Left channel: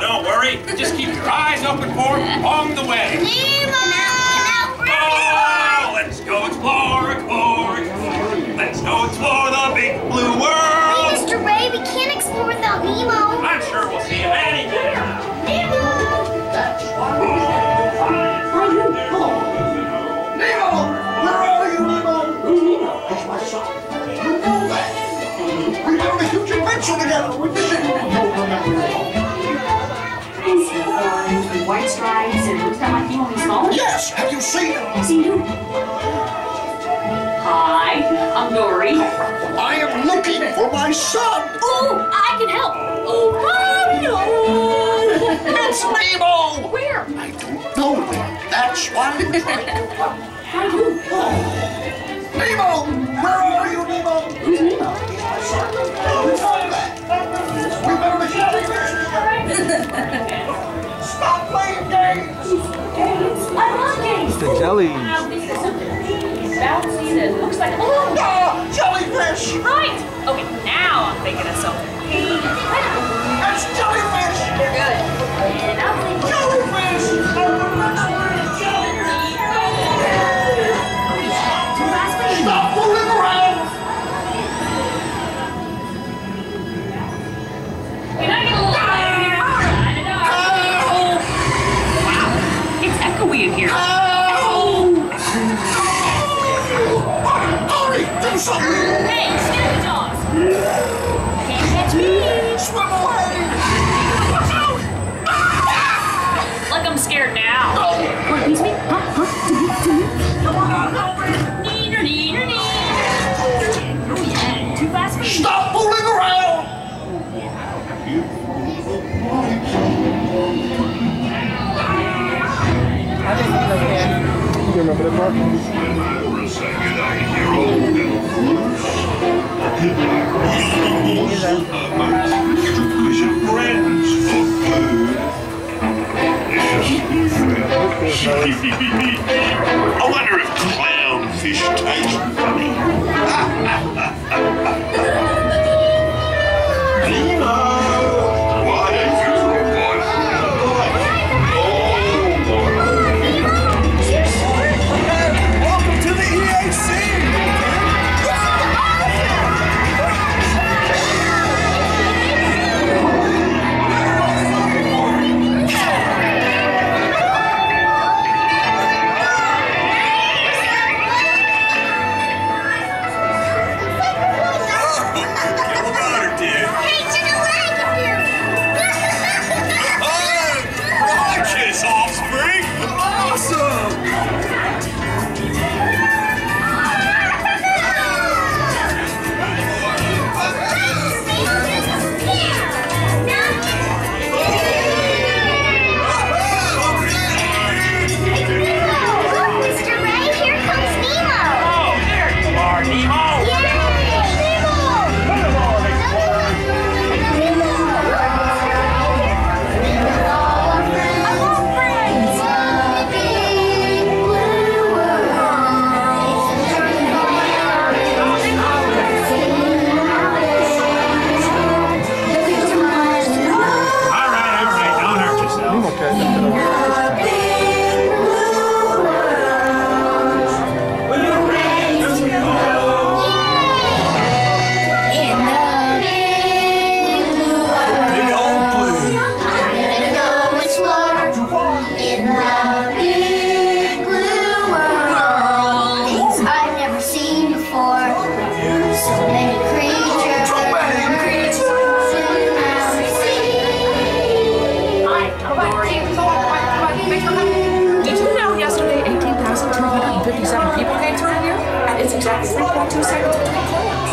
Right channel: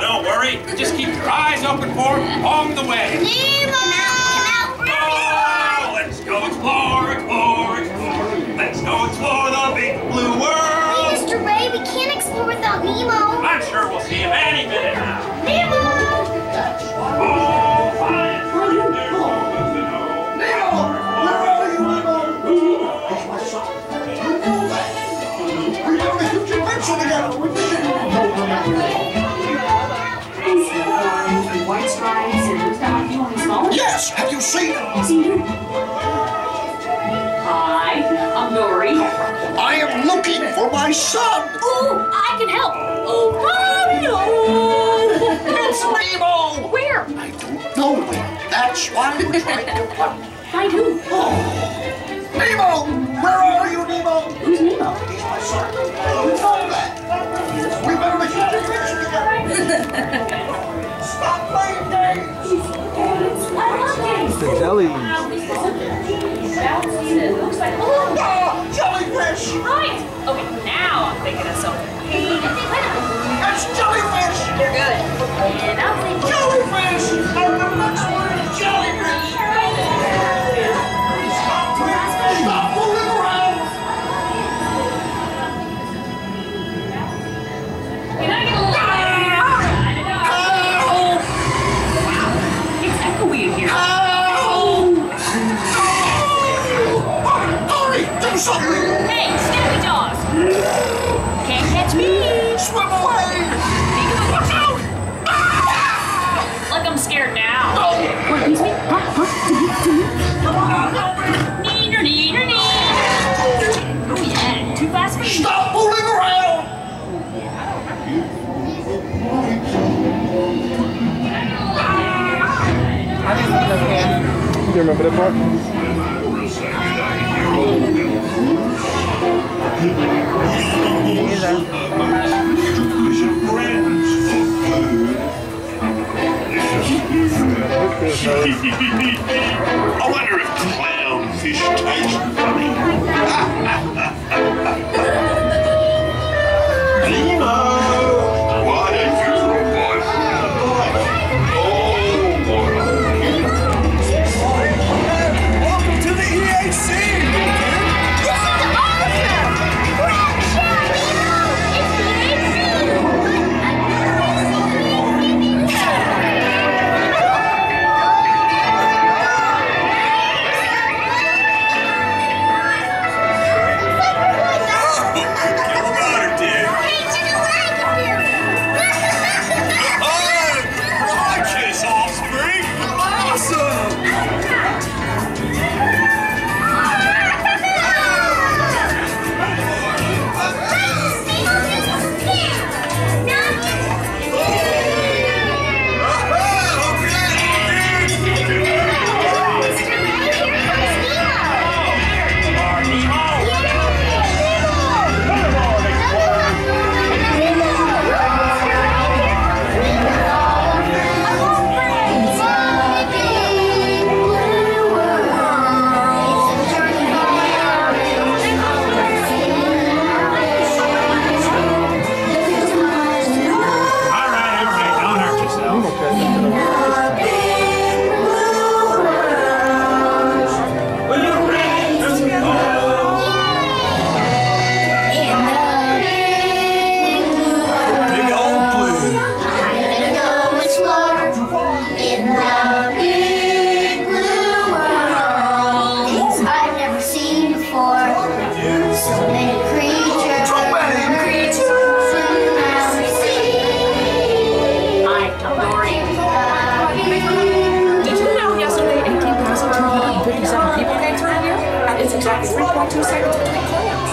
Don't worry. Just keep your eyes open for him along the way. Nemo! Oh, let's go explore, explore, explore. Let's go explore the big blue world. Hey, Mr. Ray, we can't explore without Nemo. I'm sure we'll see him any minute now. Nemo! White stripes and looks that might be only small. Yes, have you seen him? See him? Hi, I'm Dory. I am looking for my son. Oh, I can help. Oh, no. It's Nemo. Where? I don't know where. That's why I'm trying to find. I do. Oh. Nemo, where are you, Nemo? Who's Nemo? He's my son. You know that. We better make sure together. Stop playing games. I love games. The jelly. It's bouncy and it looks like, oh, Jellyfish. right. Okay, now I'm thinking of something. That's jellyfish. You're good. And I'm thinking Jellyfish. I'm the next one is jellyfish. Stop fooling around. Can I get a little louder here? Wow, it's echoey in here. Hurry, do something. Hey, Snoopy Dog! Can't catch me! Swim away. Watch out. Like I'm scared now. Oh. What, excuse me? Huh? Come on, help me. Neener, neener, neener. Oh yeah, too fast for me. Stop fooling around. You remember the part? I wonder if clownfish taste funny. Nemo! Why don't you provide Welcome to the EAC! It's exactly 3.2 seconds between claims.